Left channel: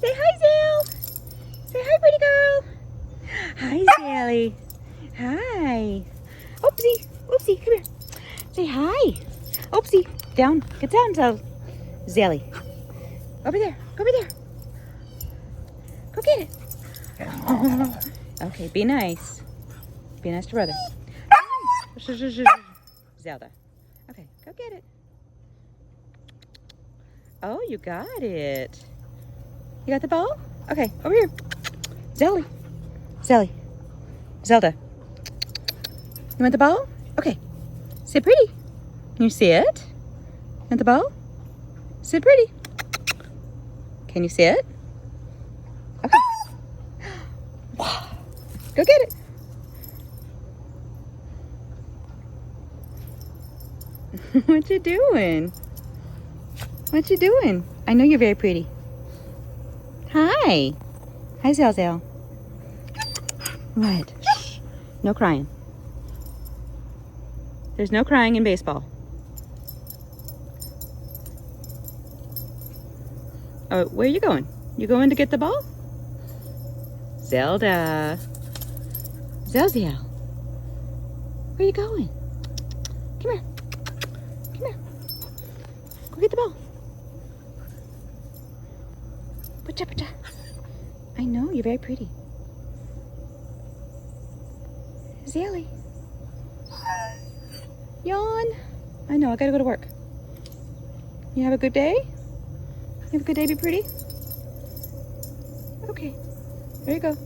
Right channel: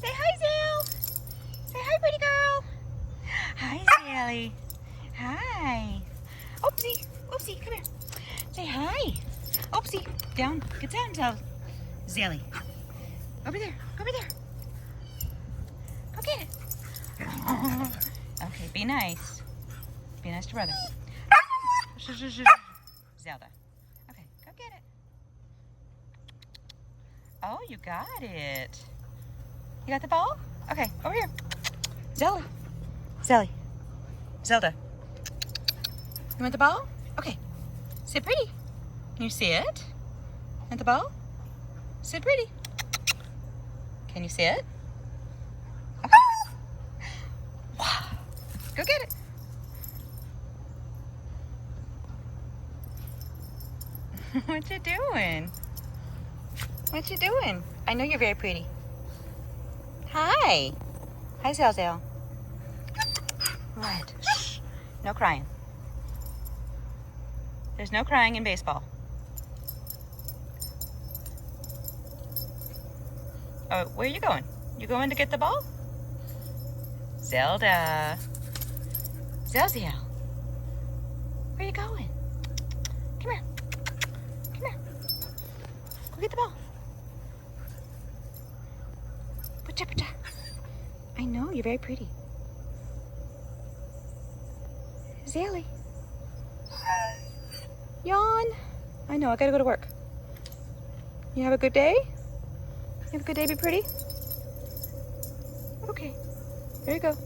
Say hi, Zell. Say hi, pretty girl. Hi, Zelly. Hi. Oopsie. Oopsie, come here. Say hi. Oopsie. Down. Get down, Zelly. Over there. Over there. Go get it. Okay, be nice. Be nice to brother. Zelda. Okay, go get it. Oh, you got it. You got the ball? Okay, over here. Zelda. Zelly. Zelda. You want the ball? Okay. Sit pretty. Can you see it? Want the ball? Sit pretty. Can you see it? Okay. Go get it. What you doing? What you doing? I know you're very pretty. Hi. Hi, Zell. What? Shh. No crying. There's no crying in baseball. Oh, where are you going? You going to get the ball? Zelda. Zelda. Where are you going? Come here. Come here. Go get the ball. Pacha, pacha. I know, you're very pretty. Zelly. Yawn. I know, I gotta go to work. You have a good day? You have a good day, be pretty? Okay, there you go.